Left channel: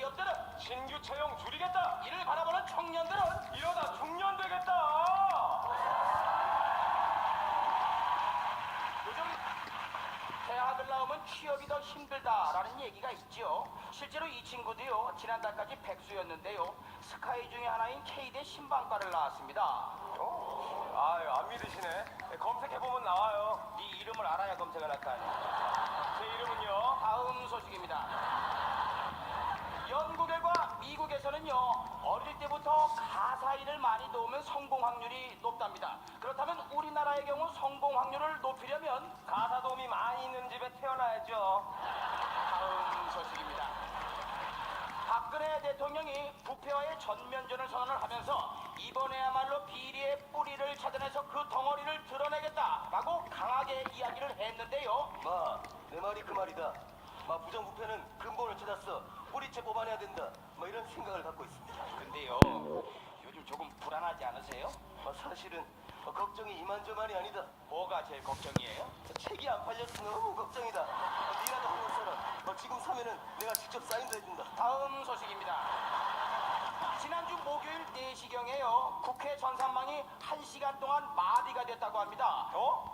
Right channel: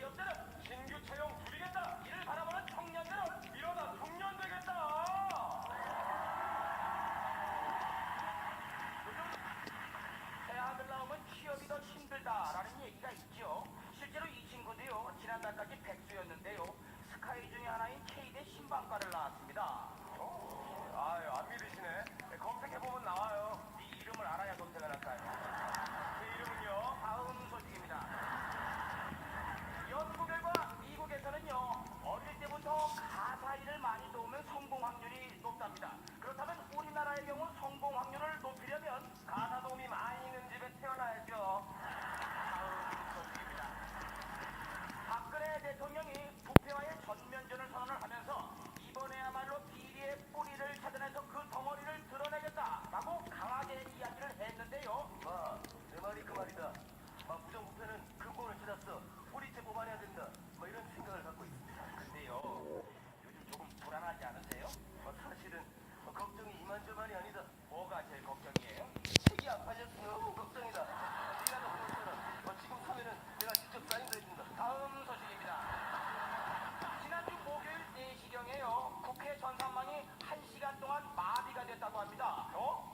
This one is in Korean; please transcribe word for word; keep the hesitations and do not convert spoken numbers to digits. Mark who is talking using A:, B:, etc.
A: 기업들은
B: 신규 채용 줄이겠다.
A: 이를 바라보는 청년들은
B: 이러다 중년 되겠다.
A: 요즘 대학을 나오면 취업이 더 힘들다라는 얘기가 있죠. 실제로 이 친구도요, 지난달까지 백수였는데요, 스카이 중에 하나인 K대 신방과를 나왔습니다.
B: 어? 아유, 안 믿으시네. 검색해보면 나와요. 네 이름을 알아야 검색을 할 거 아니야. 제 이름은요.
A: 다음 소식입니다. 영국과 미국에서는요, 어릴 때부터 가사 일을 많이 도우면 성공 확률이 높답니다. 그렇다면 우리나라의 경우 성공 확률을 높이려면
B: 가사 도움이 많이 있는 집에 태어나야죠.
A: 다음 소식입니다. 박근혜 대통령이 부패와의 전면전을 선언을 하면서 이번에야말로 비리의 뿌리를 찾아내서 그 덩어리를 드러내겠다라고 강하게 이야기를 했는데요.
C: 마, 내 말이 그 말이다. 마, 부정부패는 근본을 찾았어. 뿌리째 뽑아내야 된다. 뭐 이런 생각을 갖고 있습니다.
A: 근데요, 요즘 조금 불안하지 않으세요?
C: 마, 사실은 어, 걱정이 이만저만이 아니다.
A: 뭐가 제일 걱정이에요?
C: 책이 안 팔려서 너무 걱정이다. 어, 니라도 보는 사람. 어, 지금 사면은 내가 직접 사인도 해준다.
A: 다음 소식입니다. 지난주 목요일 네 시경에요, 국회 전산망이 한 시간 동안 마비가 됐다고 합니다.
B: 어?